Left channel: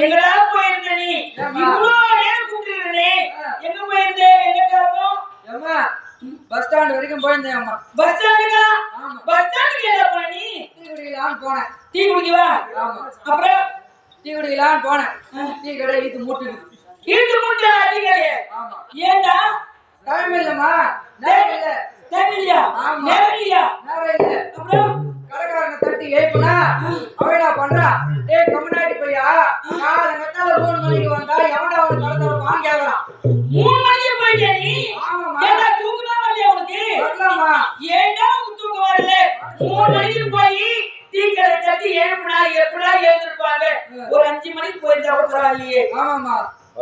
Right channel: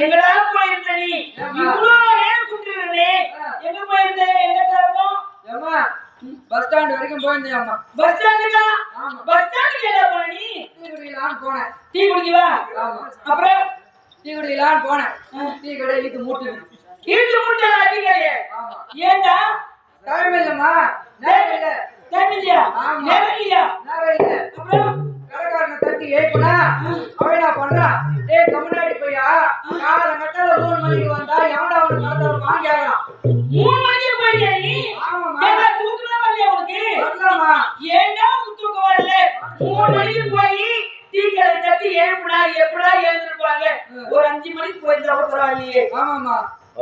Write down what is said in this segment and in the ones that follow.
எங்கடா போயிருந்த நீ இவ்வளவு நேரம் கூப்பிட்டுருந்தே எங்க போயிருந்தே என்ன காரணம் அம்மா பஸ் ஸ்டாண்ட் வரைக்கும் போயிருந்தேன் அம்மா பஸ் ஸ்டாண்டுக்கா பஸ் ஸ்டாண்டுக்கு என்ன போன நீ டீ குடிக்கலாம்னு போனேன் டீ குடிக்கவா ஆமா அப்புறம் டீ குடிக்கலாம்னு போனேன் டீ கடை இழுத்து மூட்டுது டீ கடை ஆமா ஏண்டா டைம் இல்லம்மா நேரம் இல்ல டைம் இல்லையா ஆமா நேரம் இல்லையா நேரம் இல்ல அப்புறம் கடைக்காரனை தட்டி ஏய்ப்புனா அவன் என்ன பண்றான் டேய் கம்முனாடி பையா காலங்கத்தால 3 மணிக்கு வந்தா எவன்டா அவனுக்கு கடை திறப்பான்னு கேக்குறான் 3 மணிக்கு போயிட்டே நீ ஆமாமா ஏண்டா தூக்கம் தான் வரலையா உனக்கு வரலம்மா ஏண்டா உனக்கு தூக்கம் வரல 3 மணிக்கு போய் டீ கடை தட்டி ஏழுனா எப்படா எழுந்திருப்பாங்க ஒரு 5 மணிக்கு போயிருந்தா கூட பரவாயில்லையே ஆமாமா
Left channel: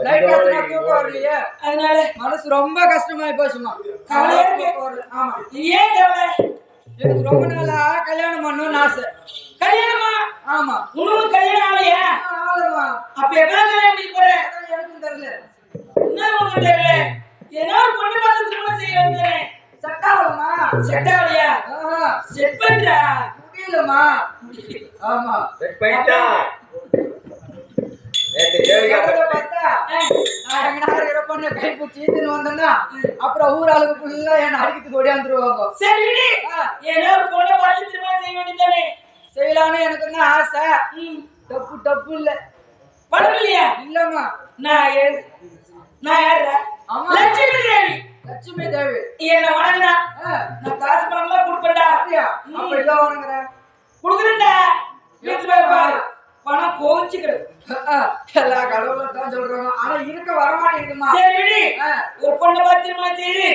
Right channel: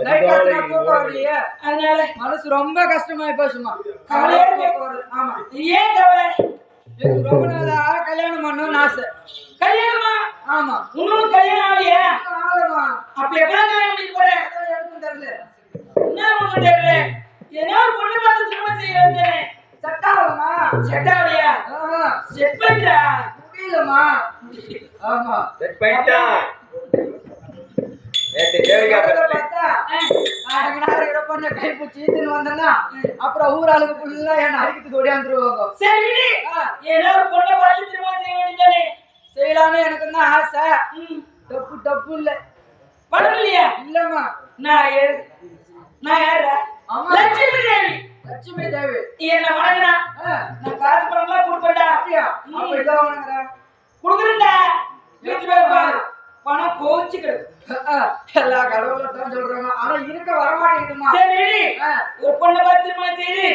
லைட் ஆச்சுனா தூக்கம் வரலையே அதனால மனசு ரொம்ப கஷ்டமாயி போச்சுமா கவலையா தூக்கம் வரல ஆமா ஏன் கவலை எனக்கு ரொம்ப நாளா கல்யாணம் பண்ணணும்னு ஆசை கல்யாணமா ஆமா இன்னொன்னு கல்யாணம் ஆகலையா ஆளமா அப்ப எப்ப கல்யாணம் பண்ணி போற எனக்கும் தெரியல என்ன உங்களுக்கு தெரியல ஏன்னா ஒரு பொண்ணு பார்த்து திருமணம் செய்ய வந்தேனே செட் ஆகலமா செட் ஆகலையா செட் பண்றா முடியலமா ஆமா செட் பண்ணிட்டா நேத்து தேவிகா பார்த்தா நான் எங்க நாள் இருக்கிற பொண்ணு கை பிடிச்சி இழுத்துன்னு வந்தேன்னா அப்புறம் ஊராளுக்கு ஃபுல்லா என்ன அடிக்கிறதுக்கு ஓடியாந்துருவாங்க சரி ஏன்னா ஒரு பொண்ணு பார்த்து திருமணம் செய்ய வேண்டியதானே செய்யலான்னு எனக்கு தான் ஆசை டப்பு இல்ல பணம் இல்லையா இல்லம்மா நான் யாரா ஆமா லட்சுமி தேவி லட்சுமி தேவி என்ன வணங்கினா நான் காசு பணம்லாம் கொடுப்பேன்டா. அப்படியா? அப்ப இதோ வாங்குற. கொடுக்குறேன்டா. வீட்டுல போய் பாரு. பணம் கோவிச்சுக்கிறது. எல்லா கடவுளும் தான் சொல்றாங்க. ஆனா இருக்க வர மாட்டேங்குதுமா. சரி, ஒரு பொண்ணை பத்திரமா செய்து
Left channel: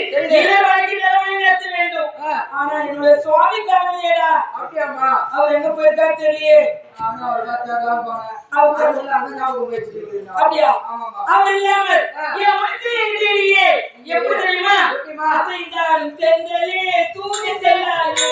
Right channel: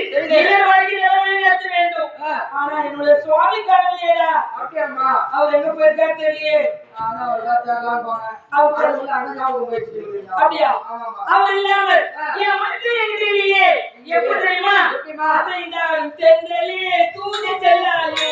நடத்த வேண்டும். ஆனா என்னுடைய சுவாமி காணலையேடா. அப்படியாமா? அவர் எங்க போயிருக்காரு தெரியலையே. ஆனா அவர் காத்தாலாம் போனேன். அப்படியா? அவர் இல்லாமல் என் மனசு எங்கேயே எப்படி தெரியுமா? அசைந்தாலும் தென்றலே தூங்கி செல்லாலே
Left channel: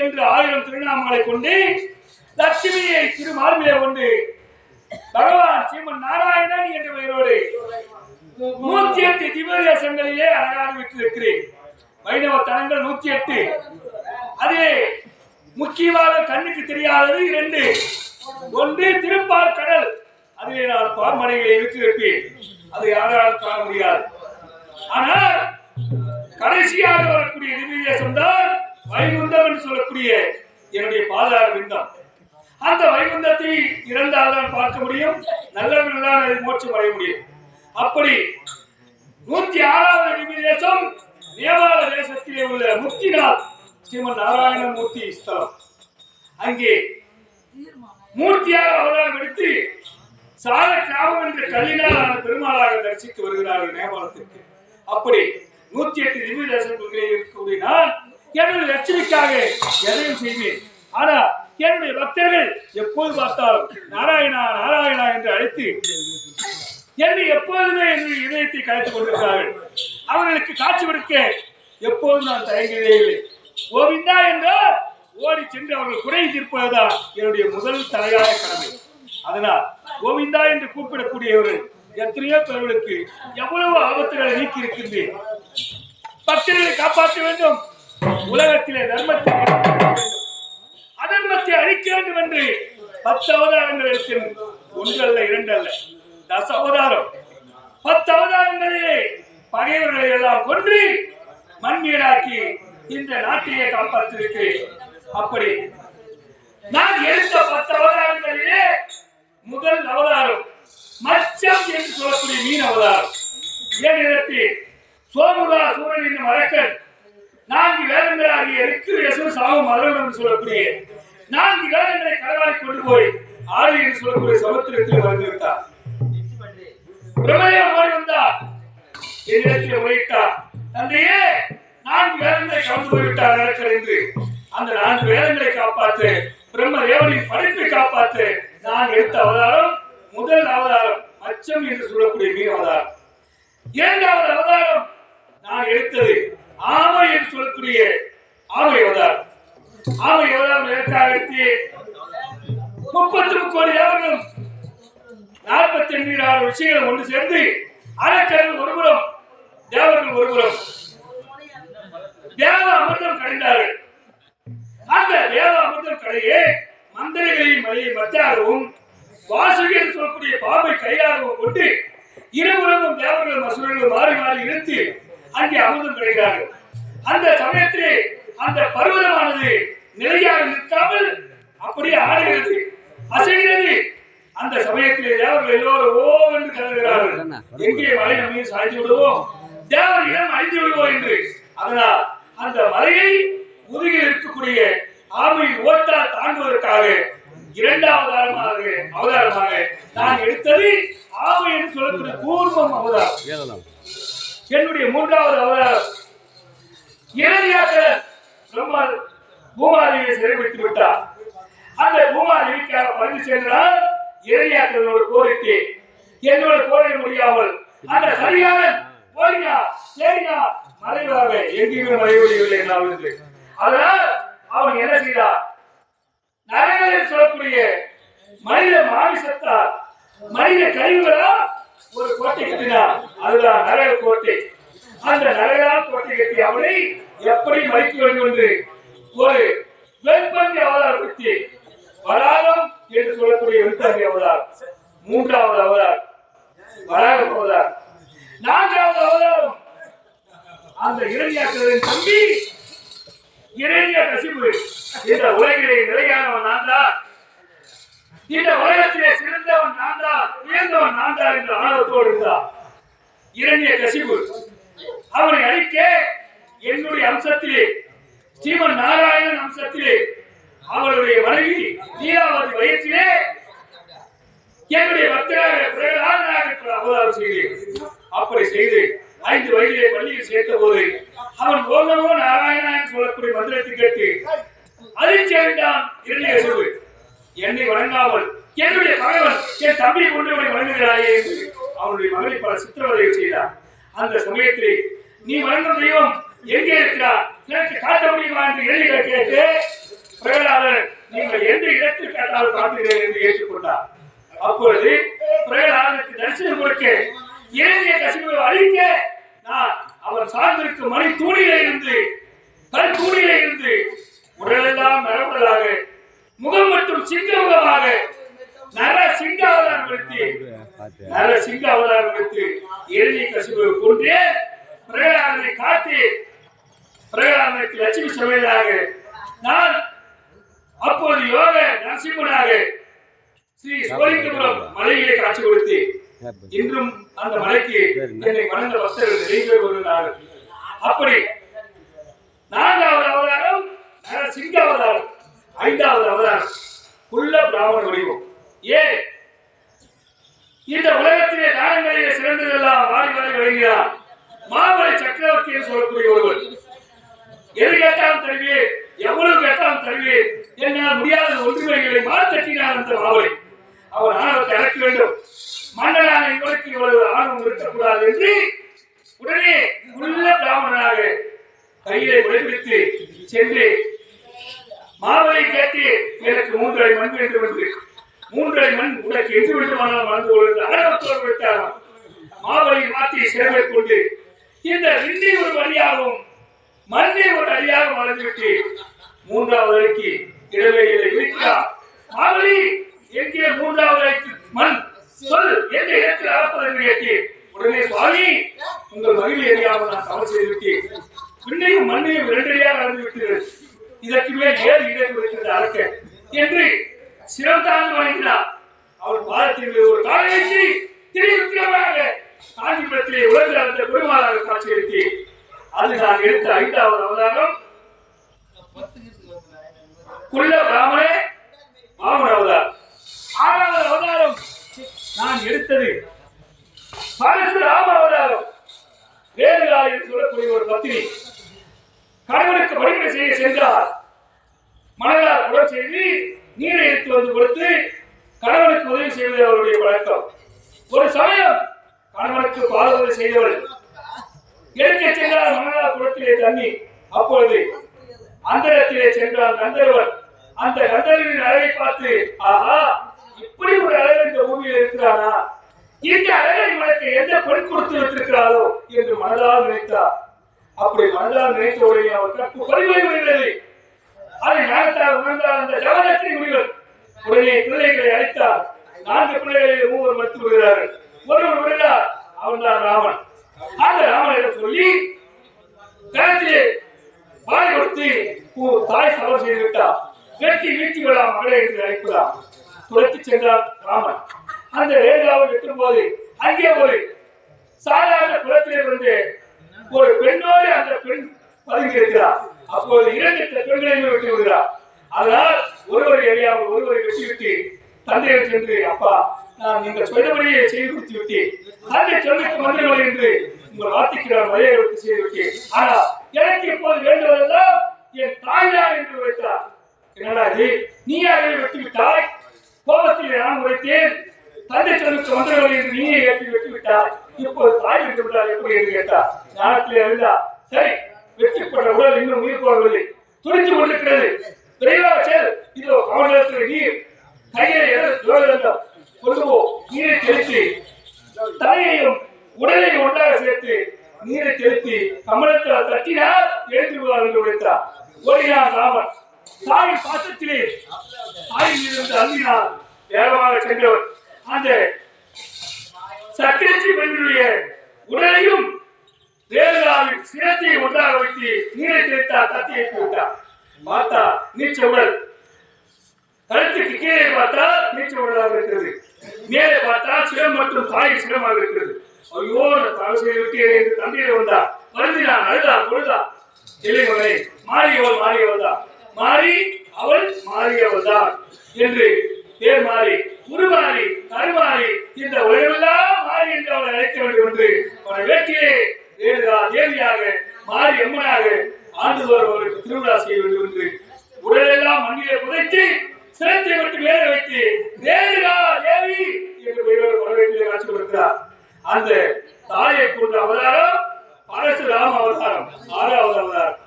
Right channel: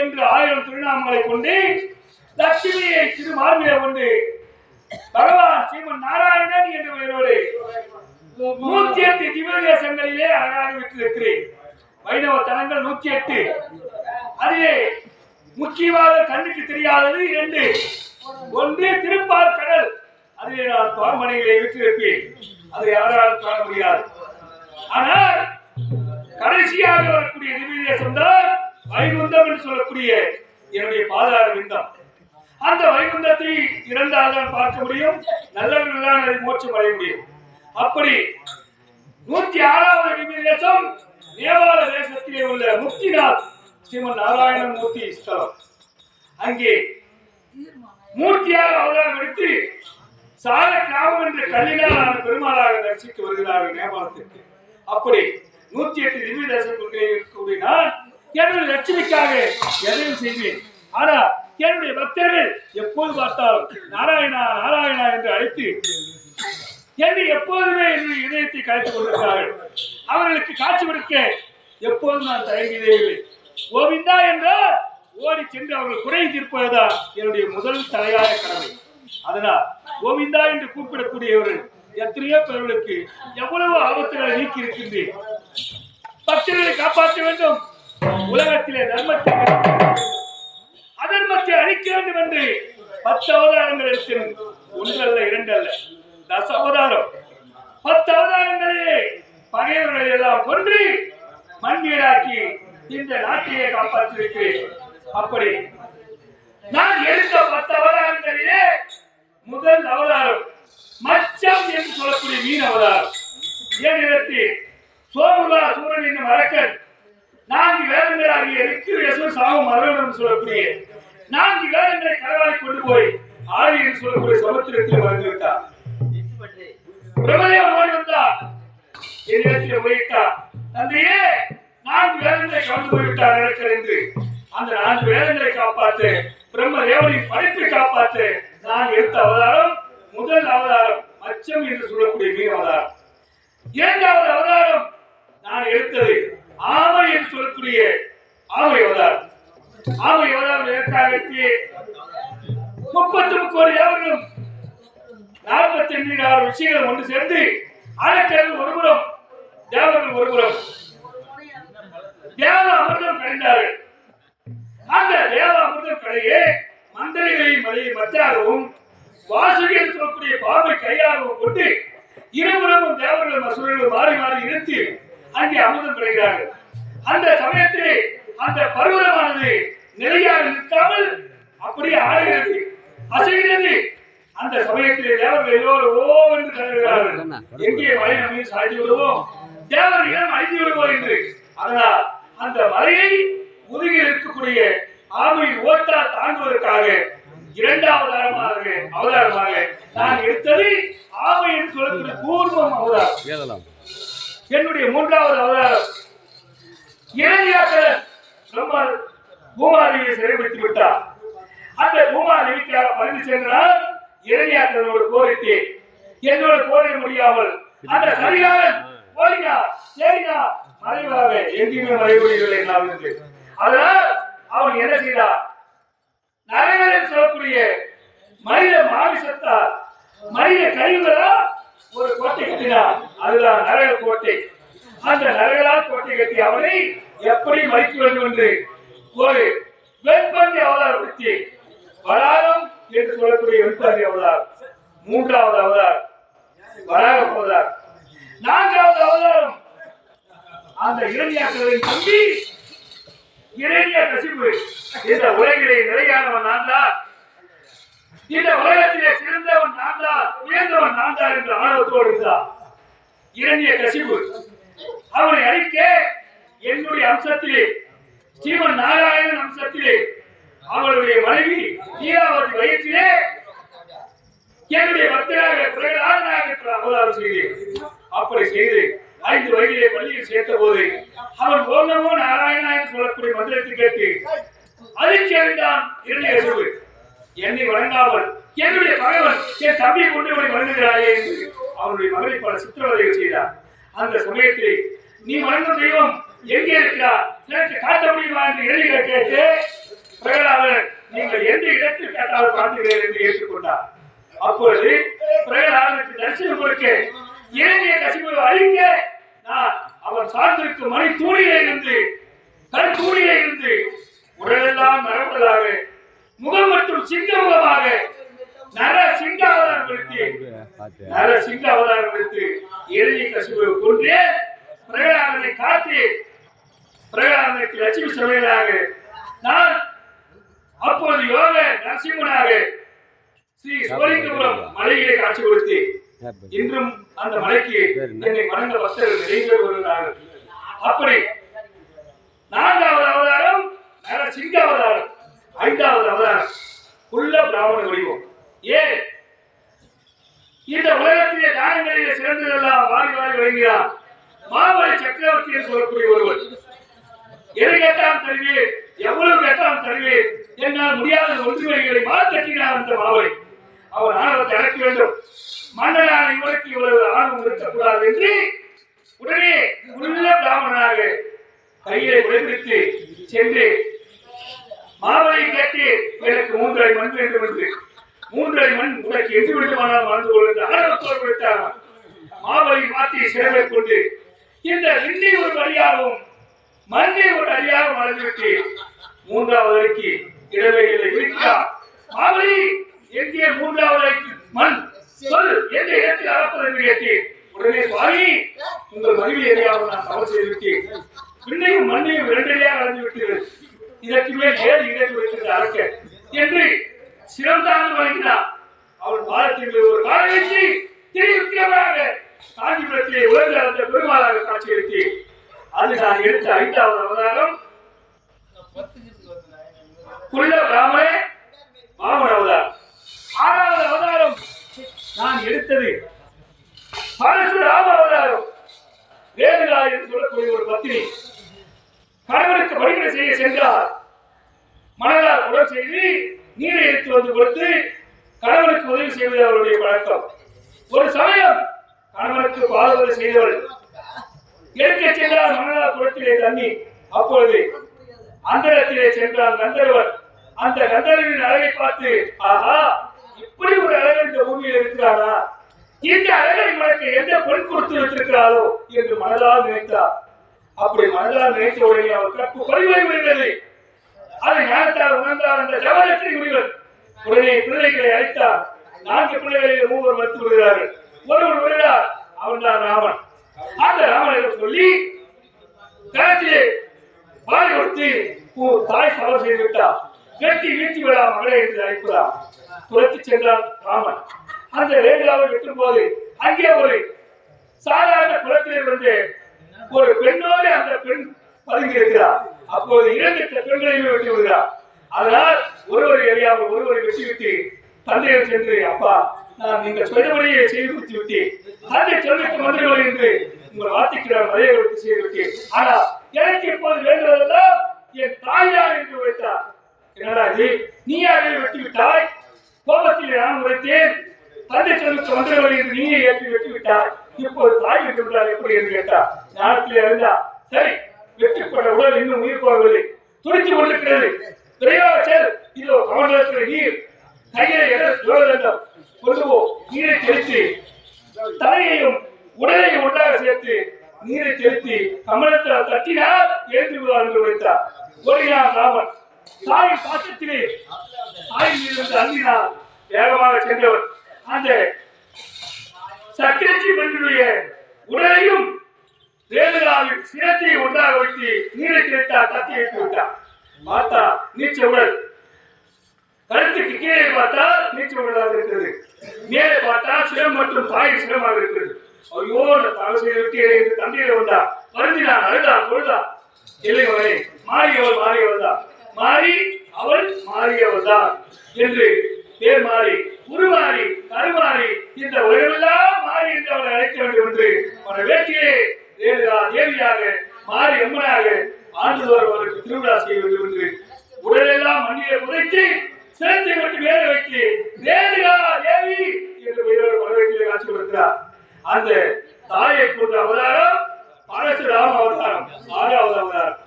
என்று 1000 திருநாமங்களை கொண்டு லட்சுமியை திருமார்பிலே கொண்டு பகவான் ஸ்ரீமன் நாராயணன் என்ற பெயரோடு 108 திவ்ய தேசங்களிலே அழகாக விட்டிருக்கிறேன். வைணவ தலங்கள் 108. அதிலே முக்கியமாக கண்ணுக்கு தெரியாதது 2. ஒன்று திருப்பார்கடல், அதிலே நான் பார்மனையிலே விட்டிருப்பேன். அது யாராலும் காண முடியாது. ஆனால் கடைசியாக வரக்கூடிய திவ்ய தேசம் தான் வைகுந்தம் என்று சொல்லக்கூடிய என்னுடைய பாதார விந்தம். அந்த வைகுந்தத்தை இறந்தால் தான் பார்க்க முடியும், நல்லவர்கள் தான் அதை மோட்சம் அடைய முடியும். அப்படி 106வது திவ்ய தேசம் நேபாள தேசத்திலே உள்ள முக்திநாத் ஸ்ரீமன் நாராயணமூர்த்தி ஸ்தலம். அங்கே மூர்த்தியாக அவதாரம் எடுத்து சால கிராமம் என்ற கல்லினால் ஆன பெருமாளாக தரிசிக்க வருகிறார்கள் நேபாளத்திற்கு. அப்படி 108 திவ்ய தேசங்களிலே இருக்கக்கூடிய நான் என்னுடைய லட்சுமிக்காக எதையும் செய்வேன். ஆனா என்னுடைய பக்தர்கள் எப்போது பார்த்தாலும் நாராயணா நாராயணா என்று அழைத்து என்னை எப்போதுமே என்னுடைய இதயத்தை கலைத்துக் கொண்டிருக்கிறார்கள். அவர்களுக்கு காட்சி கொடுக்க எப்போதும் நான் தயங்கியதே இல்லை. கோவிந்தா என்றால் ஓடி சென்று அவர்கள் குறை தீர்ப்பதுதான் என்னுடைய முதல் தலையாய கடமை. அதனால் கோவிந்தா என்று கூப்பிடக்கூடியவர்கள் எத்தனையோ பேர்களுக்கு எவ்வளவு ஆபத்துகளை நீக்கி இருக்கின்றேன். பக்தர்களை காப்பாற்ற வேண்டும். உலகத்திலே தர்மத்தை அதர்மத்தை அழிக்க வேண்டும் என்று 10 அவதாரங்கள் இருக்கிறது. 1 அல்ல 2 அல்ல 10 அவதாரம். 10 அவதாரங்களிலே பகைவர்களை எல்லாம் கொன்று மண்மீராக்கி இந்த நாட்டையே காப்பாற்றிருக்கிறேன். அப்படி நான் எடுத்த 10 அவதாரங்களிலே முதல் அவதாரம் மச்சம் என்று சொல்லக்கூடிய மீன் அவதாரம். ஏன் இடத்தில் சோமுகா சூரன் என்னும் அரக்கன் 4 வேதங்களாகிய ரிக்கு யசு சாமு மதனம் என்று சொல்லக்கூடிய 4 வேதங்களை கடவாளி கொண்டு போய் ஆறு என்று சொல்லக்கூடிய சமுத்திரத்தில் மறைந்துவிட்டார். பிரம்மதேவன் ஓடி வந்தார். என்னிடத்தில் உரையிட்டார், தந்தையே 4 வேதங்களை கவர்ந்து போய்விட்டார் அரக்கர் என்று. அந்த 4 வேதங்களை காப்பாற்ற பிரம்மதேவனின் படைப்பை காப்பாற்ற நான் எடுத்த அவதாரம் முதல் அவதாரம் மச்சம் என்று சொல்லக்கூடிய மீன் அவதாரம். 2வது அவதாரம் நான் எடுத்தது ஆமை என்று சொல்லக்கூடிய ஆமை அவதாரம். ஆமை அவதாரம் எதற்காக எடுத்து 33 கோடி தேவர்களும் 48,000 விஷயங்களும் ஒன்று சேர்ந்து அரக்கர்கள் ஒருபுறம் தேவர்கள் ஒருபுறம் தேவ அமிர்தம் கடைந்தார்கள். அந்த தேவ அமிர்தம் கடையே மந்திரிகளின் மலையை மத்தாகவும் வாசுகி என்று சொல்லக்கூடிய பாம்பை கையாகவும் கொண்டு இருபுறமும் தேவர்களும் அசுரர்களும் மாறி மாறி இழுத்து அங்கே அமிர்தம் கிடைக்கிறார்கள். அந்த சமயத்திலே அந்த பர்வதமானது நிலையாக நிற்காமல் அப்படியே ஆடுகிறது, அசைகிறது. அந்த சமயத்திலே தேவர்கள் எல்லோரும் ஓ என்று கருதுகிறார்கள், எங்கே மலை நம்மை சாய்ந்து விடுவோம், தேவர் இடம் அழிந்து விடுவோம் என்று. அதனால் அந்த மலையை முதுகில் இருக்கக்கூடிய ஆமையின் ஓட்டால் தாண்டுவதற்காக 2வது அவதாரமாக நான் எடுத்தது ஆமை என்று சொல்லக்கூடிய கூர்மம் அவதாரம். என்னுடைய 3வது அவதாரம் இரணியாக்கரன் பூமாதேவியை சிறைப்படுத்தி விட்டார். அந்த பூமாதேவிக்காக பறந்து சென்றால் இரணியாக்கரனோடு கோரிட்டு என்னோடு கோரிட முடியாமல் அந்த சரியான ஓடினா சரினா மறைவாக எங்கேயுமே மறைவதில்லை நான். அதனால் அவன் என்ன செய்தார், நரகத்தில் சொல்லக்கூடிய மனித மாமிசத்தால் மனித கழிவுகளால் ஒரு கோட்டை கட்டினார். அதுதான் நரக கோட்டை. அந்த நரகலால் கோட்டை கட்டி அவனை எப்படி மறைக்க வேண்டும் என்று ஒரு வெண்பந்தி அவதாரப்படுத்தி வராகம் என்று சொல்லக்கூடிய வெண்பந்தி அவதாரம். 3வது அவதாரம் வராக அவதாரம். 4வது அவதாரம் அந்த இரணியாக்கரின் தம்பி இரணியகசிபு. இந்த உலகிலே நிலையானவன் நான் தான், இந்த உலகத்திலே சிறந்தவன் நான் தான், உயர்ந்தவன் நான் தான் என்று ஆணவத்தோடு இருந்தார் இரணியகசிபு. அவனை அழிக்க என்னுடைய அம்சத்திலே ஸ்ரீமன் நாராயணன் அம்சத்திலே அவளுடைய மனைவி நீலாவதி வயிற்றிலே என்னுடைய பக்தராக பிரகலாதனாக அவதாரம் செய்தேன். அப்படி செய்து 5 வயதிலே பள்ளியில் சேர்த்த போது அவன் ஓம் நமோ நாராயணா என்று சொல்லக்கூடிய மந்திரத்தை கேட்டு அதிர்ச்சி அடைந்தான் இரணியகசிபு. என்னை வணங்காமல் என்னுடைய மகன் என் தம்பியை கொண்டு அவனை வணங்குகிறாயே என்று அவனுடைய மகனை பல சித்திரவதைகள் செய்தார். அந்த சமயத்திலே நீ வணங்கும் தெய்வம் எங்கே இருக்கிறார், எனக்கு காட்ட முடியுமா என்று இரணியரை கேட்டு பிரகலாதன் நீங்கள் எந்த இடத்தில் காட்டாமல் காட்டுகிறேன் என்று ஏற்றுக்கொண்டார். அப்பொழுது பிரகலாதனுக்கு தரிசனம் கொடுக்க இரணியகசிபுவை அழிக்க நான் அவன் சார்ந்திருக்கும் மணி தூணிலே இருந்து கல் தூணிலே இருந்து உடலெல்லாம் நரம்புகளாக முகம் மற்றும் சிங்க முகமாக நர சிங்க அவதாரம் எடுத்து இரணியகசிபுவை கொன்றே பிரகலாதனை காட்டி பிரகலாதனுக்கு லட்சுமி சமையலாக நான் அப்போது யோக நரசிம்மனாக ஸ்ரீ சோழிங்கபுரம் மலையிலே காட்சி கொடுத்து இன்றும் அந்த மலைக்கு என்னை வணங்க பக்தர்கள் நிறைய பேர் வருகிறார்கள். அப்படி 4வது அவதாரம் சிங்க அவதாரம், 5வது அவதாரம் குள்ள பிராமண வடிவம். ஏன் இந்த உலகத்திலே தானங்களிலே சிறந்ததெல்லாம் வாரி வாரி வழங்குகிறார் மாமலை சக்கரவர்த்தி என்று சொல்லக்கூடிய ஒருவர். எது கேட்டாலும் தருவேன், எவ்வளவு கேட்டாலும் தருவேன், என்னால் முடியாத ஒன்றுமைகளை மாற்றத்தினார் அந்த மாமலை. அவர் ஆணவத்தை அடக்க வேண்டும், மன்னனான இவருக்கு இவ்வளவு ஆணவம் இருக்கக்கூடாது என்று உடனே உள்ள பிராமணனாக கையிலே விளைவித்து சென்று மாமலை கேட்டு எனக்கு 3 அடி மண் வேண்டும் என்று 3 அடி மண் உனக்கு எங்கு வேண்டுமானால் மறந்து கொண்டு ஆணவத்தோடு விட்டார். மாமலை மாற்றி சிறமை கொண்டு இந்த விண்ணை ஒரு அடியாகவும் மண்ணை ஒரு அடியாக மறந்துவிட்டு 3வது அடிக்கு இடைவெளியை வைக்கிறார். மாமலை எங்கே 3வது அடிக்கு மண் சொல், எந்த இடத்தில் அளப்பதற்கு கேட்டு உடனே சுவாமி உங்கள் மகிழ்ச்சி அறியாமல் நான் தவறு செய்துவிட்டேன், விண்ணையும் மண்ணையும் 2 அடியாக அளந்து விட்டீர்கள், இதற்கு மேல் 7 இடத்தில் இருக்கிறது அளக்க என்று சிரம் தாழ்ந்து வழங்கினார். அவர் பாதத்தில் ஒரு காலம் வைத்து திருவிக்கிரமாக காஞ்சிபுரத்திலே உலக அந்த பெருமாளாக காட்சியளித்து அது நான் எடுத்த 5வது அவதாரம் குள்ள பிராமண மாமன அவதாரம். 6வது அவதாரம் நான் எடுத்தது பரசுராம அவதாரம். வேதுகா என்று சொல்லக்கூடிய ஒரு பத்தினி கணவனுக்கு பணிவிடை செய்ய சென்றார். மணலால் உடல் செய்து நீரை எடுத்து வந்து கொடுத்து கணவனுக்கு உதவி செய்வது அவருடைய பழக்கம். ஒரு சமயம் கணவனுக்கு பாதுகாப்பு செய்தவள் எடுக்க சென்றால் மணலால் குளத்திலே தண்ணி. அப்பொழுது அந்தரத்திலே சென்றால் கந்தர்வன். அந்த கந்தர்வின் அழகை பார்த்து ஆஹா, இப்படி ஒரு அழகு இந்த பூமியில் இருக்கிறாரா, இந்த அழகை மனக்கு எந்த பெண் கொடுத்து வைத்திருக்கிறாரோ என்று மனதால் நினைத்தார். அப்படி மனதால் நினைத்த உடனே அவர் கற்பு பறிமுறைகிறது. அதை ஞானத்தால் உணர்ந்தார் அந்த ஜவதக்கினி முனிவர். உடனே பிள்ளைகளை அழைத்தார். 4 பிள்ளைகளை 3 வளர்த்து விடுகிறார்கள். ஒருவர் வருகிறார், அவர்தான் ராமன். அந்த ராமனிடம் சொல்லி கருத்திலே வாழை கொடுத்து தாய் சவர் செய்து விட்டார், வெட்டி வீழ்த்தி விடா மகளே என்று அழைப்பதார். துரத்தி சென்றார் ராமன். அந்த வேதாவை வெட்டும் போது அங்கே ஒரு சாதாரண குளத்திலே வந்து ஒரு பெண்ணோடு அந்த பெண் பதுங்கி இருக்கிறார். அப்போது 2 பெண்களையும் வெட்டி விடுகிறார். அதனால் ஒருவரை எரியாமல் ஒருவரை வெட்டிவிட்டு தந்தையிடம் சென்று அப்பா நான் நீங்கள் சொன்னபடியே செய்து கொடுத்து விட்டேன், தந்தை சொல்லிக்கு மந்திரங்களை என்று உங்கள் வார்த்தைக்கு நான் மரியாதை செய்து விட்டேன், ஆனால் எனக்கு இப்போது வேண்டுவதெல்லாம் என் தாய்தான் என்று உரைத்தார். என்னடா இது, நீ யாரை வெட்டி விட்டாய்? கோபத்தில் நான் உரைத்தேன், தந்தை சொல்லிக்கு மந்திரங்களை என்று நீயே ஏற்றி வெட்டி விட்டாய், இப்போது தாய் என்று எப்படி என்று கேட்டார். ஞானத்திலே இருந்தா சரி, வெற்றிப்பட்ட உடல் இன்னும் உயிர் போகவில்லை, துடித்துக் கொண்டிருக்கிறது, விரைவாக செல், இதோ கமண்டலத்தில் நீர், கையை கொண்டு போ, நீரை தெளித்து தலையையும் உடலையும் ஒன்றாக சேர்த்து நீரை தெளித்து கமலத்தில் தட்டினால் எழுந்து விடுவார் என்று உரைத்தார். ஓடினார் ராமன். தாயின் பாசத்திலே தாயின் மீது அள்ளினார். வேகமாக சென்றவர் அந்த சக்கரச்சி பெண்ணுடைய உடலையும் வேலுகாவின் சிரத்தை ஒன்றாக வைத்து நீரை தெளித்தார், தட்டி வைத்து விட்டார். பார்த்தா நீச்ச உடல், கழுத்துக்கு கீழே பார்த்தால் நீச்ச உடலாக இருக்கிறது, மேலே பார்த்தால் சிரம் மற்றும் தாயின் சிரமாக இருக்கிறது. ஐயோ தவறு செய்து விட்டேன் என்று தந்தையிட வந்தார். வருந்தினான், அழுதார், பொழுதார். இளையவனை மாறியவள் தான், மாறி அவள் மாறியவள் தான் என்று பேர் மாறி உருமாறி கருமாறி இந்த உலகமெல்லாம் மாறி என்று அவளை அழைக்க வேண்டும் என்று அவனை வேட்டிலே வேலுகா தேவியாக மாறி அம்மனாக ஆண்டுதோறும் அவருக்கு திருவிழா செய்ய வேண்டும் என்று உடலெல்லாம் மண்ணிலே புதைத்து சிரத்தை மட்டும் வேலை வைத்து வேலுகா தேவி என்று பெயரோடு வரவேற்பிலே காட்சி கொடுக்கிறார். அந்த தாயை கொண்ட அவதாரம் பரசுராம அவதாரம் 6வது அவதாரம்.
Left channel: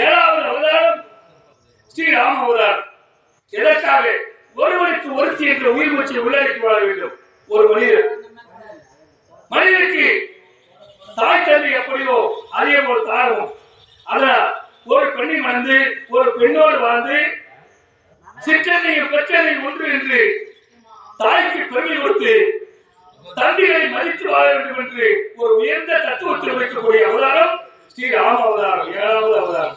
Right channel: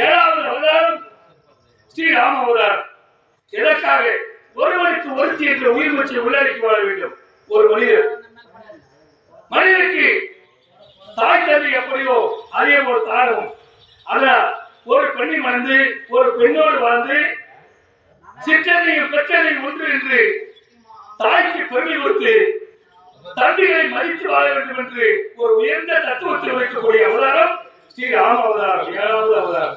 7வது அவதாரம் ஸ்ரீராம அவதாரம். எதற்காக? ஒருவனுக்கு ஒருத்தி என்ற உயிர் மூச்சை உள்ளடக்கி வாழ வேண்டும் ஒரு மனிதனுக்கு தாய் தந்தை எப்படியோ அதே போல் தாழவும். அதனால் ஒரு பெண்ணை மணந்து ஒரு பெண்ணோடு வாழ்ந்து சிற்றனையும் பெற்றனையும் ஒன்று என்று தாய்க்கு பெருமை கொடுத்து தம்பிகளை மதித்து வாழ வேண்டும் என்று ஒரு உயர்ந்த தத்துவத்தில் வைக்கக்கூடிய அவதாரம் ஸ்ரீராம அவதாரம் 7வது அவதாரம்.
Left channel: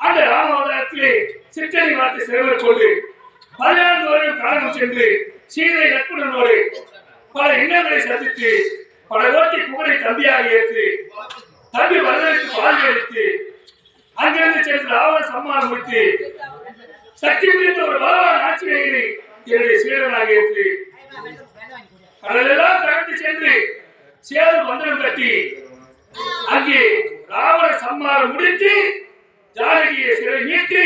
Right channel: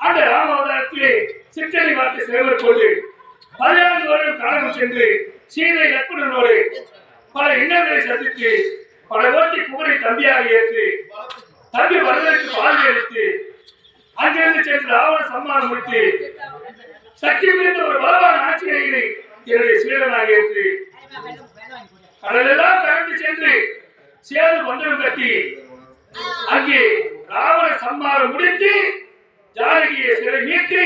அந்த ராம அவதாரத்திலே சிற்றனை வார்த்தை சேவர் கொண்டு 14 வருடம் காலம் சென்று சீதை லட்சுமணனோடு பல இன்னல்களை சந்தித்து பல கோட்டி புகழை தம்பியாக ஏற்று தம்பி வரதற்கு பால் எடுத்து அங்கிருந்து சென்று ராவண சம்மானம் முடித்து சக்தி மிகுந்த ஒரு பலவான் ஆட்சியை என்னுடைய சீடனாக ஏற்று கடலெல்லாம் கடந்து சென்று சேது மந்திரம் கட்டி அங்கே ராவண சம்மானம் முடித்து ஜானகியை சிறை மீட்டு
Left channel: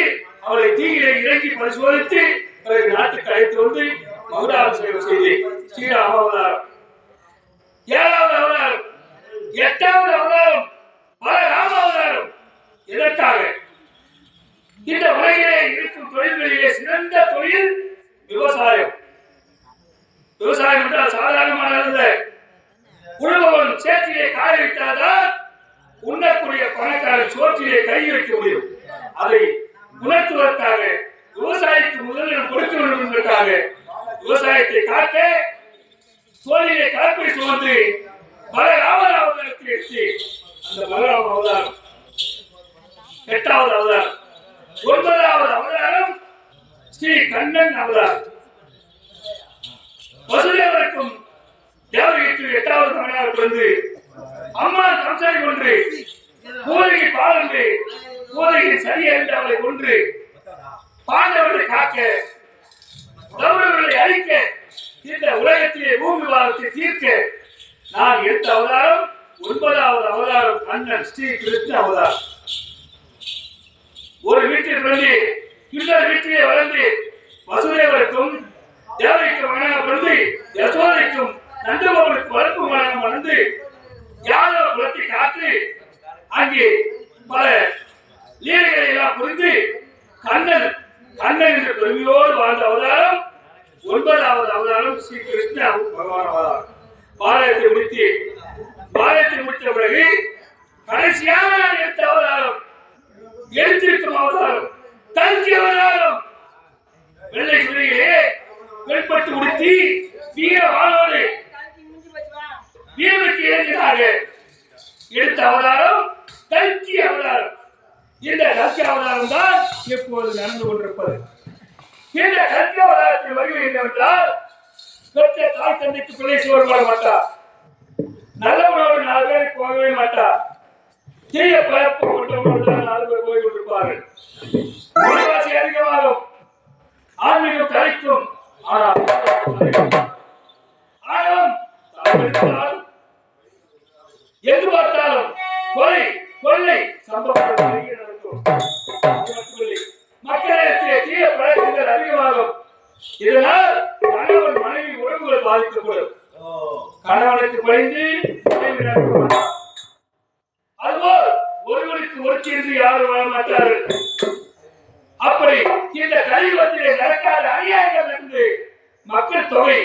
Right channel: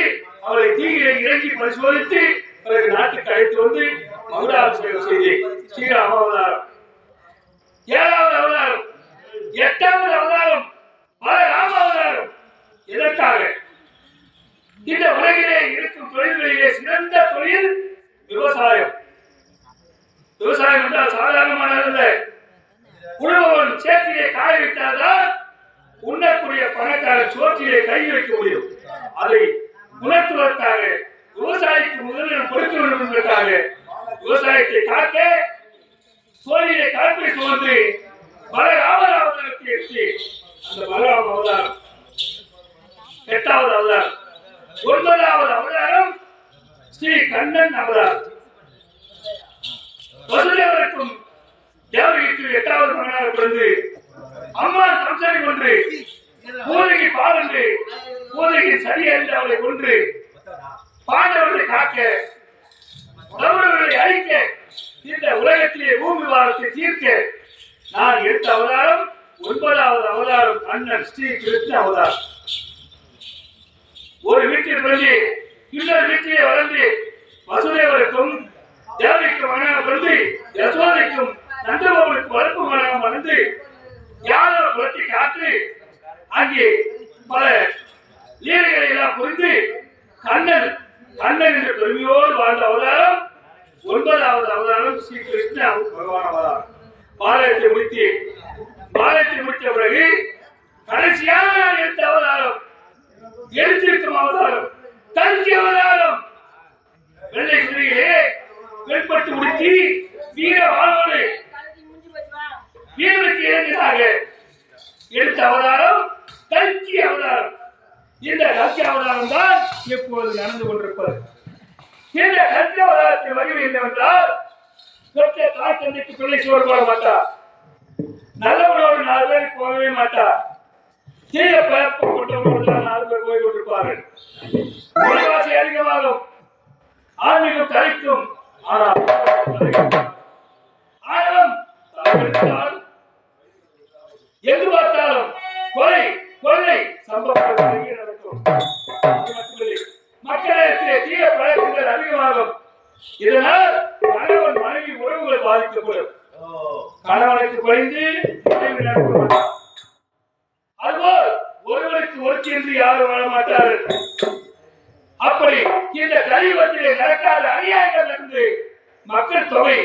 அவளை தீயிலே இறங்கி பரிசோதித்து பிறகு நாட்டுக்கு அழைத்து வந்து மகுடாபிஷேகம் செய்து ஸ்ரீராம அவதாரம் 7வது அவதாரம் 8வது அவதாரம் பல ராம அவதாரம். எதற்காக? இந்த உலகிலே இருக்கும் தொழில்களிலே சிறந்த தொழில் விவசாயம். விவசாயம் என்றால் சாதாரணமானதல்ல. உழுபவன் சேற்றிலே காய வைத்தால்தான் உண்ணக்கூடிய பணக்காரர் சோற்றிலே கை வைக்க முடியும். அதை உணர்த்துவதற்காக விவசாயிக்கு முதலிடம் கொடுக்க வேண்டும் என்பதற்காக விவசாயத்தை காக்க தோளிலே கலப்பை சுமந்து பலராம அவதாரத்தை எடுத்து அந்த பலராம அவதாரம் 8வது அவதாரம். 9வது அவதாரம் ஸ்ரீ கண்ணன் அவதாரம். வசுதேவருக்கும் தேவகிக்கு 8வது மகனாக பிறந்து அம்மான் கம்சனை கொன்று பூதகி பாலன்று பூதகின் சரியறிந்து அவளை கொன்று பாண்டவர்களை காக்க கௌரவர்களை அழிக்க இந்த உலகத்திலே பூமி பாரத்தை தீர்க்க நான் எடுத்த அவதாரம் 9வது அவதாரம் கண்ணன் ஸ்ரீ கிருஷ்ண அவதாரம். ஒரு வீட்டில் பிறந்து இன்னொரு வீட்டிலே வளர்ந்து வசுதேவருக்கும் தேவகிக்கு மகனாக பிறந்து யசோதைக்கும் நந்தகோபனுக்கு வளர்ப்பு மகனாக வளர்ந்து யாதவ குலத்தை காத்து அங்கே பல லீலைகளை எல்லாம் புரிந்து கண்ணன் என்ற பெருமையோடு வாழ்ந்த அவதாரம் 9வது அவதாரம் ஸ்ரீ கிருஷ்ண பகவான் அவதாரம். பாரதத்தை முடித்த பிறகு கடைசியாக நான் எடுத்த அவதாரம் எடுத்திருக்கும் அவதாரம் கல்கி அவதாரம். வெள்ளை குதிரையிலே வெளிப்பட்டு உடுத்தி வீர வாளோடு வீரனுக்கு இறங்கினார்கள். எடுத்த அவதாரம் கல்கி அவதாரம். இந்த கல்கி அவதாரம் தான் எப்போது நடந்து கொண்டிருப்பது. இந்த கல்கி அவதாரத்தில் வடிவு என்னவென்றால் பெற்ற தாய் தந்தைக்கு பிள்ளை சோறு போட மாட்டார். நல்லவனோடு 4 பேர் போகவே மாட்டார். தீய பெயர்ப்பு கொண்டவனோடு 4 பேர் போய் கொண்டிருப்பார்கள். விலைவாசி அதிகமாகும், ஆன்மீகம் தலைக்கும். ஆனாலும் எங்கு பார்த்தாலும் கொள்ளை சம்பவங்கள் நடக்கும். மக்களிடத்திலே தீய பழக்கங்கள் அதிகமாகும். இதனால் கணவன் மனைவி உறவுகள் பாதிக்கப்படும். கணவனுக்கு பணிந்து அதுபோல் ஒருவனுக்கு ஒருத்தி என்று யாரும் வாழ மாட்டார்கள். அப்படி இந்த கலியுகத்திலே நடக்காத அநியாயங்கள் இருந்து மக்கள் தொகை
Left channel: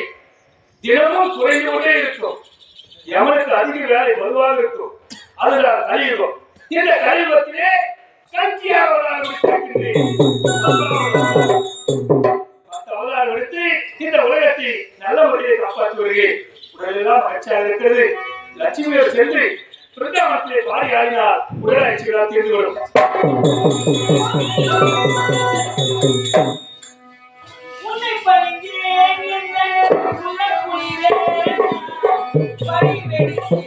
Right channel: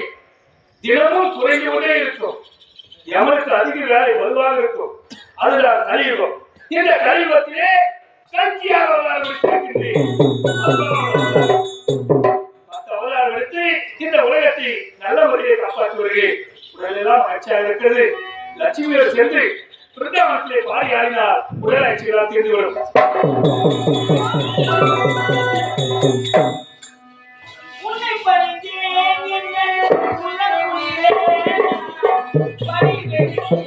தினமும் குறைந்து கொண்டே இருக்கும். எவனுக்கு அதிக வேலை வலுவாக இருக்கும். அதுதான் கலியுகம். இந்த கலியுகத்திலே கல்கியாக அவதாரம் எடுத்திருக்கின்றேன். 10 அவதாரம் எடுத்து இந்த உலகத்தை நல்ல முறையை காப்பாற்றி வருகிறேன். உடலெல்லாம் மகிழ்ச்சியாக இருக்கிறது. லட்சுமியோடு சென்று பிருந்தாவனத்திலே பாடி ஆடினால் உடல் ஆட்சிகளால் தீர்ந்து வரும். உன்னை பணிந்தேன் என்ன உள்ள குளிரே படி வெடித்து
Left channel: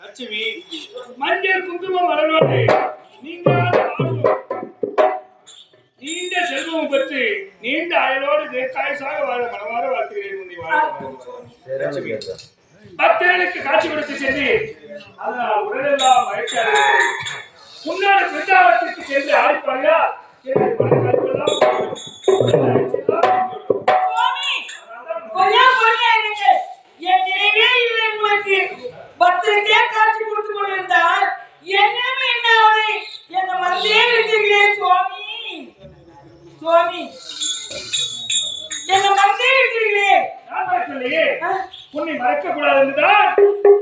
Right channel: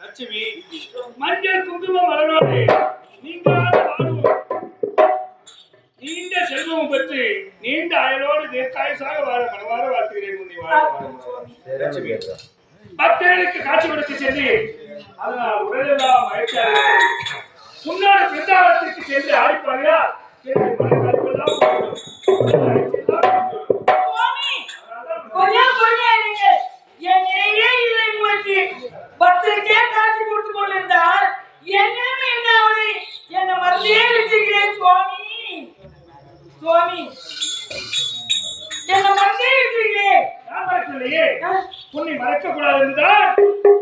லட்சுமி மஞ்சள் குங்குமம் மலர்வாடு நீங்காத வாழ்வு நீண்ட செல்வம் பெற்று நீண்ட அயலோடு தீர்க்காயுசாக வாழ மனமாற வாழ்த்துகிறேன். உன்னை வாழ லட்சுமி பக்தர்களுக்கு காட்சி கொடுத்து சென்று அதனால் உடலெல்லாம் மகிழ்ச்சியாக முன்னோட பிருந்தாவனத்திற்கு சென்று ஆடிப்பாயா பத்திரிக்கே காட்சி கொடுத்து கொண்டிருந்தால் என்னமே என்ன அவனை என்ன மறந்தே விட்டுகிறேன் சுவாமி சுவாமி என்ன மறந்தே விட்டுகிறேன். நான் மறக்கவில்லையே, உன்னை மறக்க கூடாது என்றுதான்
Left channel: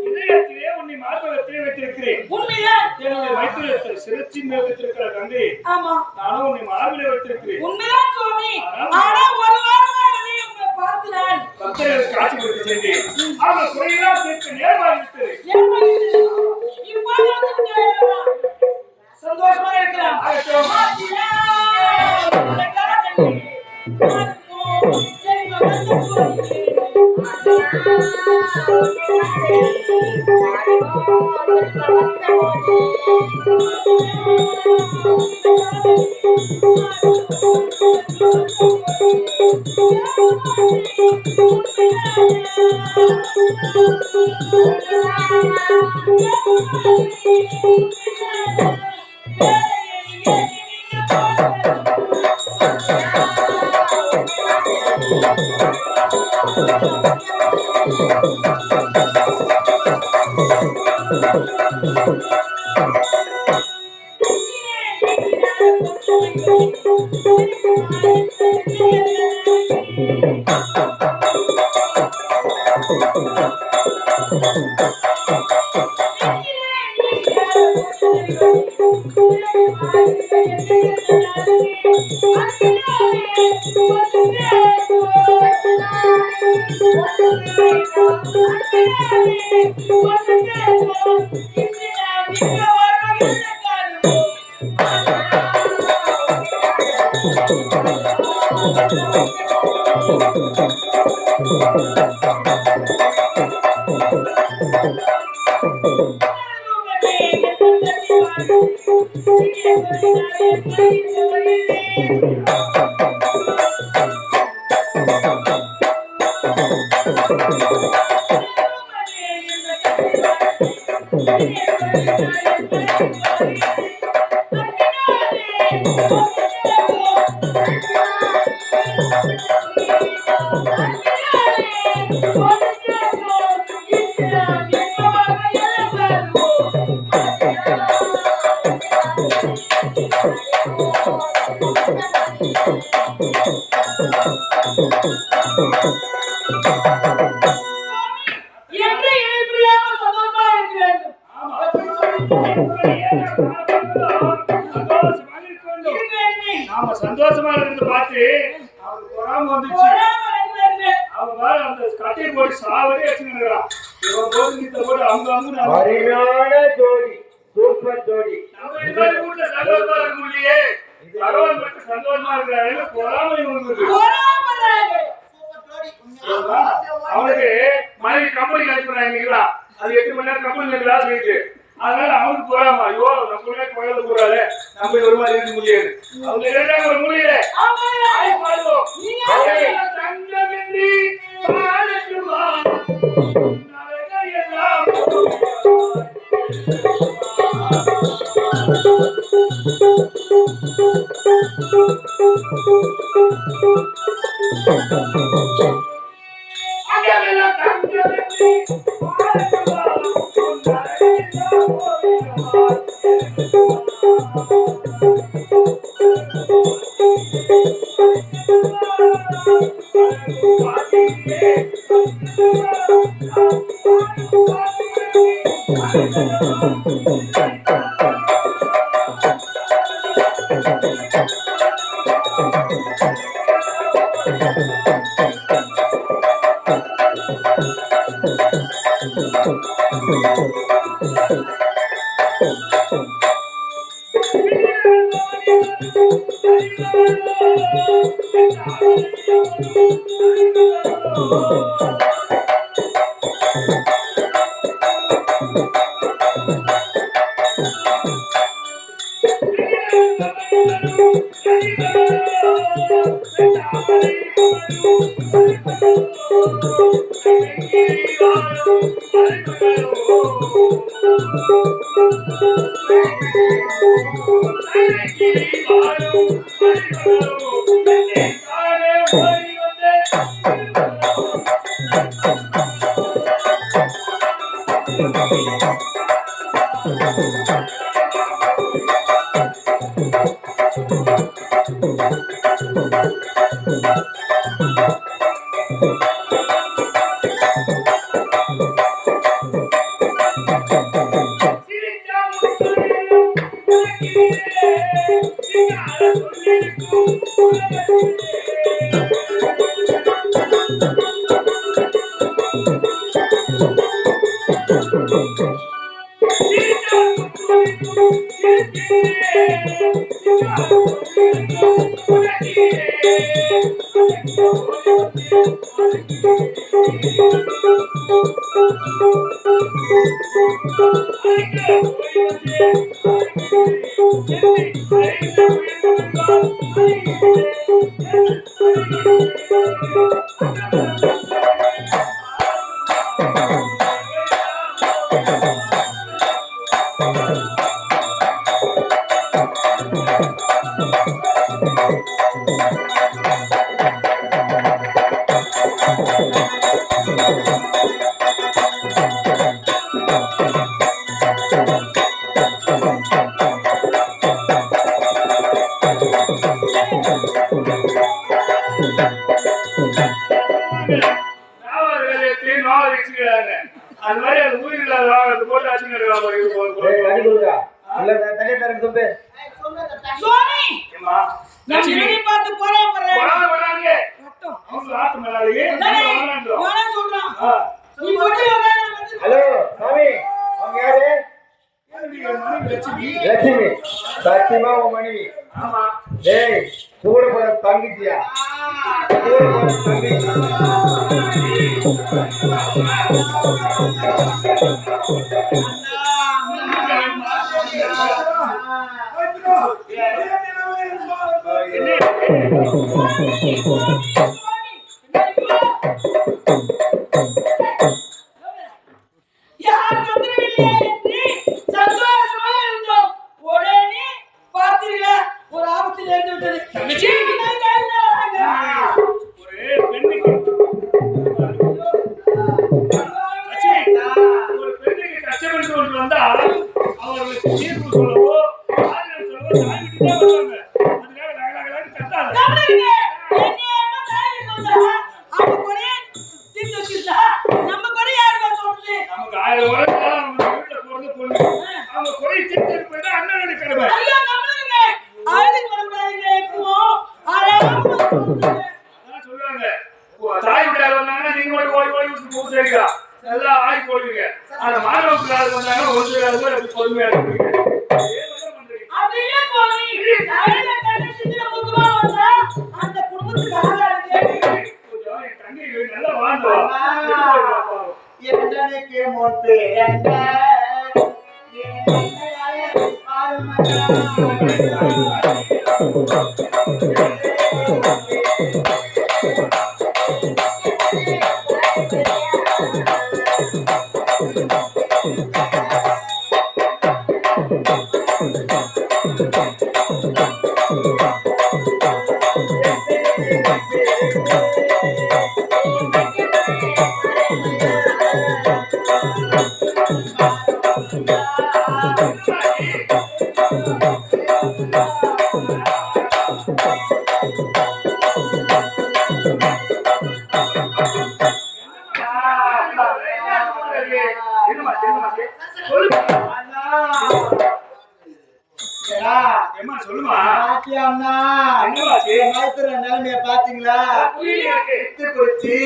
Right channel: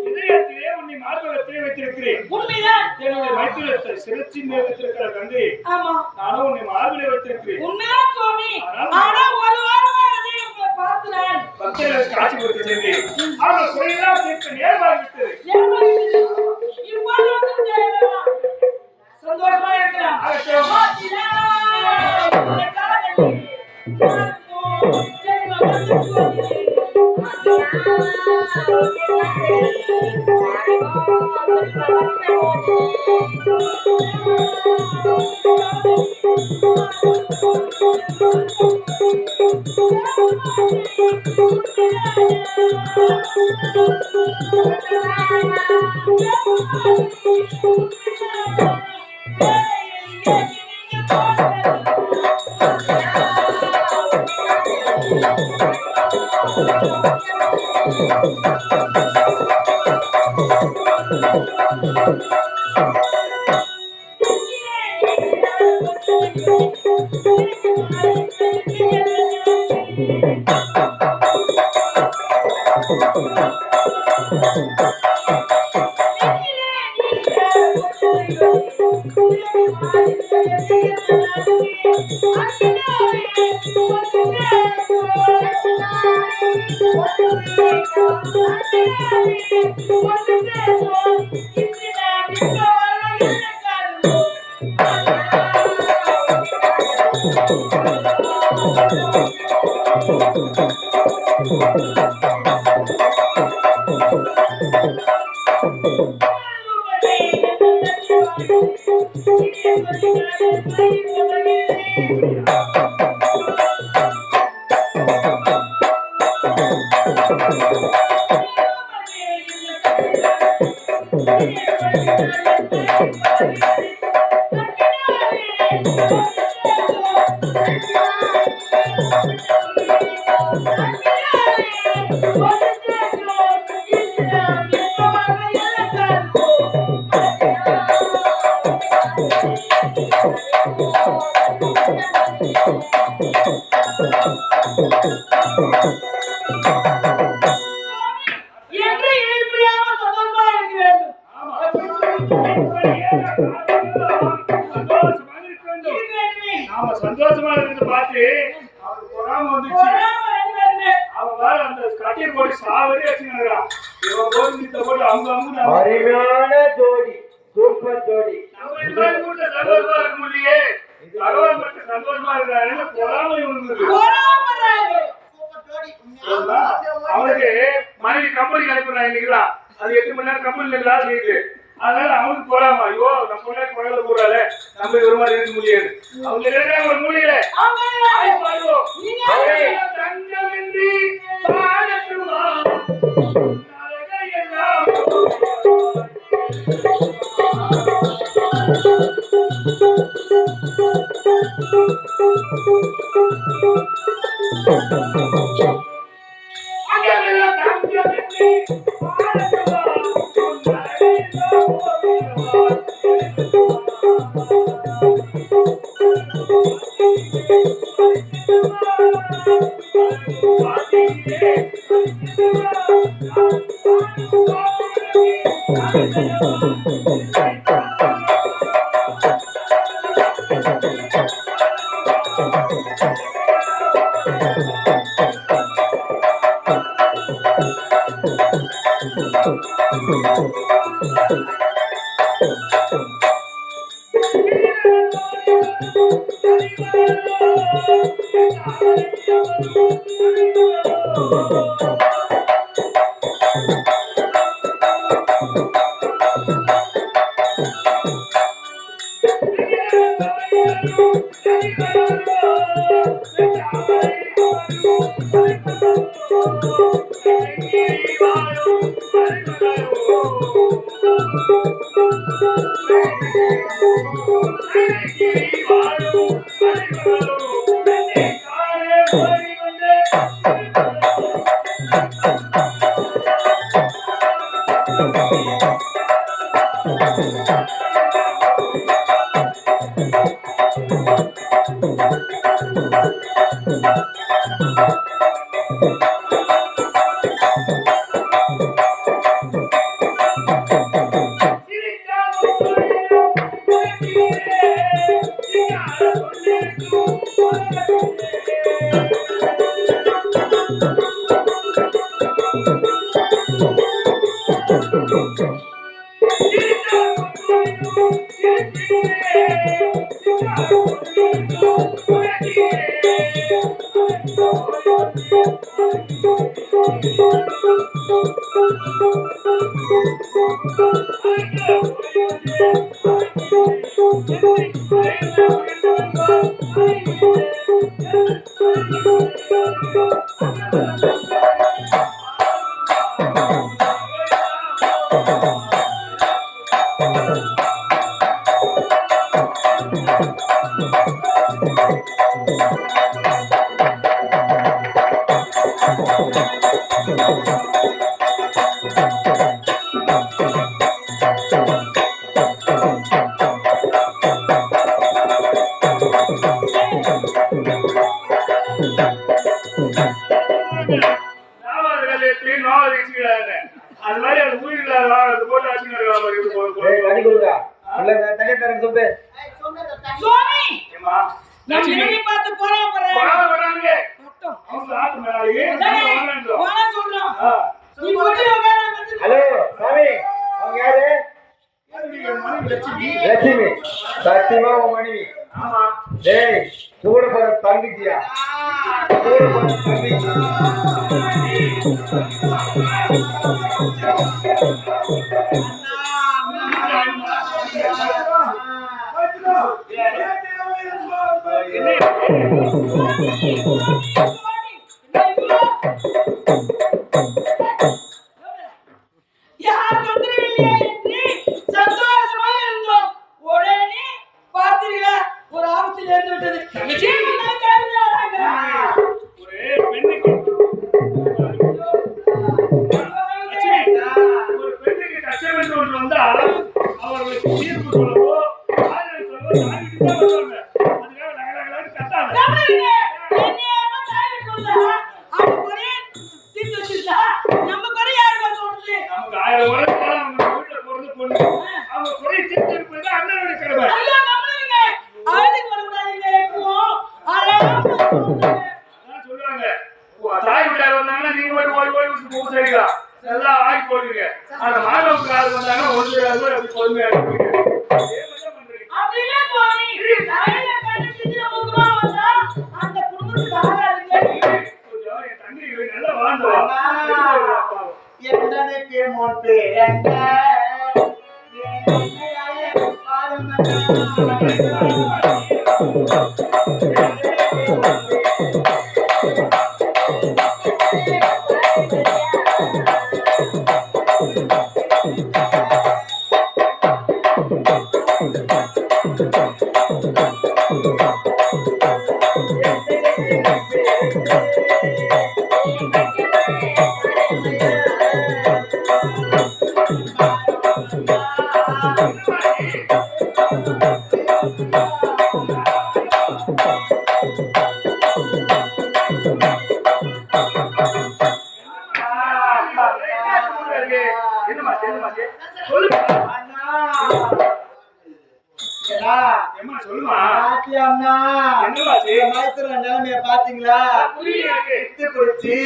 இதயத்திலே உன்னை மார்பகத்திலே வைத்திருக்கிறேன். உண்மைதான். என்னுடைய மைத்துனத்தை சிறச்சி மேல் வைத்திருக்கிற கங்கை ஆமா நானும் உன்னை மார்பிலே வைத்திருக்கிறேன். உண்மைதான் சுவாமி. ஆனா ஒரு வாரமாகவே உங்களை பார்த்து நான் பக்தர்களுக்கு காட்சி கொடுத்து சென்றேன். அவர்கள் குறையெல்லாம் தீர்க்க நேரமாகிவிட்டது. சந்தோஷமா இருக்கலாம். நாம சந்தோஷமா இருந்து பார்த்து அவனுக்கு பொறாம வந்துச்சு. அவன் வேற அந்த கட்டையை போட்டு சாவடி வச்சுக்கிறான். இவன் போட்டு நித்த போட்டு அவங்க அருமையான ஜோடி, சூப்பர் ஜோடி. வீட்டுல சந்தோஷமா இருக்க முடியலையே, பகவான் மட்டும் சந்தோஷமா இருக்கிறாரு. பொறாம இவனுக்கு அவனுக்கு மனைவி கம்பெனி கட்டுறாங்க. அது 8 மணி நேரம் கம்பெனி வேலை செய்யுது. அதனால அவனுக்கு போறாமா, ஐயோ நம்ம குழந்தை கூடாது, நம்ம ஒரு மாதிரி இருக்க முடியாது. அவங்க இரண்டாக ஒரு முடியல தங்கமின்றி பாடட்டுமா சுவாமி நம்ம இறுதி பார்த்து போறோம் சொல்றோம் நீ போட்டு ஹலோ சாமி அவங்க யாரு லட்சுமி சத்தியமா உன் மனைவி டேய் கூட போற தங்கச்சியா கூட போற தங்கச்சி ஒரு ஆபத்தில் இருந்து விட்டது குடிச்சு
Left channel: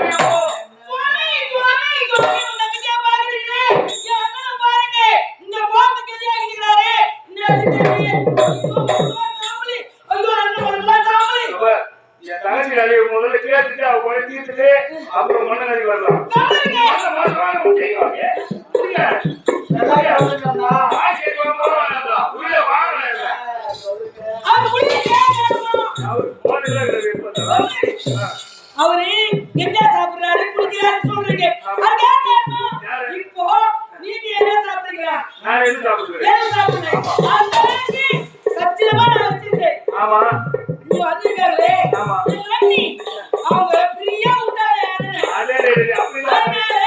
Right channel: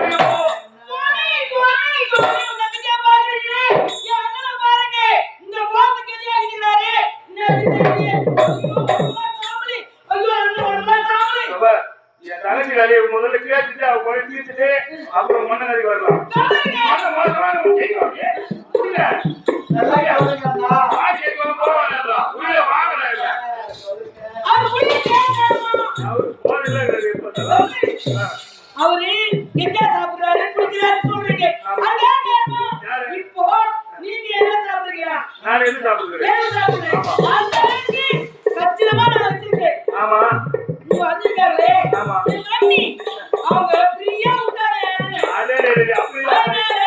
சுவாமி, சுவாமி, உன்னை கிட்ட பாக்குறீங்களே, என் அண்ணனை பாருங்க, இந்த கோலத்துக்கு எதிரா இருக்கிறாரு. என்ன தெரியலையே. ஐயோ, சாமி, ஐயோ, அண்ணன் சாமி. என் தங்கச்சி கதையை முதல்ல கேட்டுட்டு அவ போய் தீர்த்துட்டு அப்புறம் மண்ணு வரலாம். அவரு கெட்டா சாப்பிடுறாரு குடிக்கிறாரு சொல்றீங்க அதுதான் காரணம். இப்போ நீங்க என்ன சாப்பிடுறீங்க? நான் எது சாப்பிடுவேன்? ஏன் சாப்பிடுறீங்க? அந்த கச்சிதமா நான் வச்சிருக்கேன். ஆமா நீங்க வந்திருக்காங்களே ஆமா. எங்க அண்ணி அவங்க ஃப்ரீயா விட்டாங்க யாருன்னு. அதே அப்படிதான் அதனால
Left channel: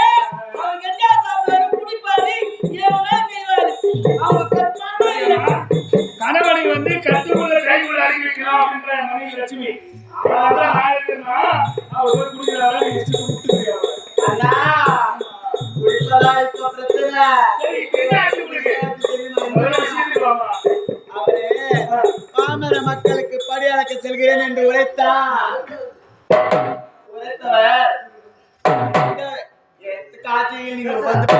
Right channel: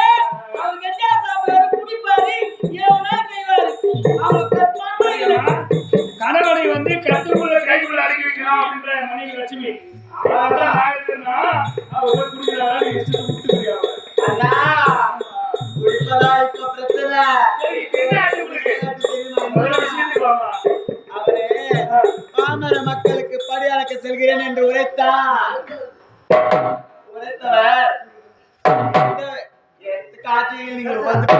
அவர் கெட்டா சாப்பிடுறாரு குடிப்பாரு எவ்வளோ செய்வாரு. அவங்க கத்மானமா இல்லை. கணவனை வந்து கத்துக்குள்ள கைக்குள்ள அடக்கி வைக்கணும் அப்படின்ற மனைவி லட்சுமி. அவதான் ஆயிருக்குன்னா அவ போய் குடிக்கிறாரா நீ இஷ்டத்தை விட்டுக்கிறியா அவளை? இப்ப பிரச்சனை சரி இப்ப என்ன ஆச்சு உங்களுக்கு? முதல்ல விஷயத்துக்கு வாமா. அவரே பாமர மக்களுக்கு படி அளக்க செல்கிறேன் என்று உரைத்தார். உரைத்தவர் காட்சியில் நீங்கள் வந்து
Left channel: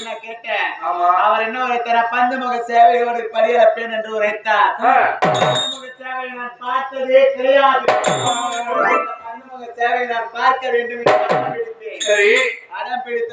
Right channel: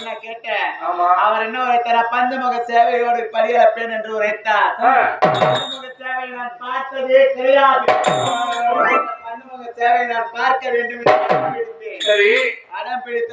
நான் கேட்டேன். ஆமா. அவர் என்ன உரைத்தார்? பஞ்சமுக சேவையோடு படி அளப்பேன் என்று உரைத்தார். ஆ. பஞ்சமுக சேவை நான் பார்த்ததே கிடையாது. பஞ்சமுக சேவை நான் பார்க்க வேண்டும் என்று அடம் பிடித்தேன். சரி அடம் பிடித்த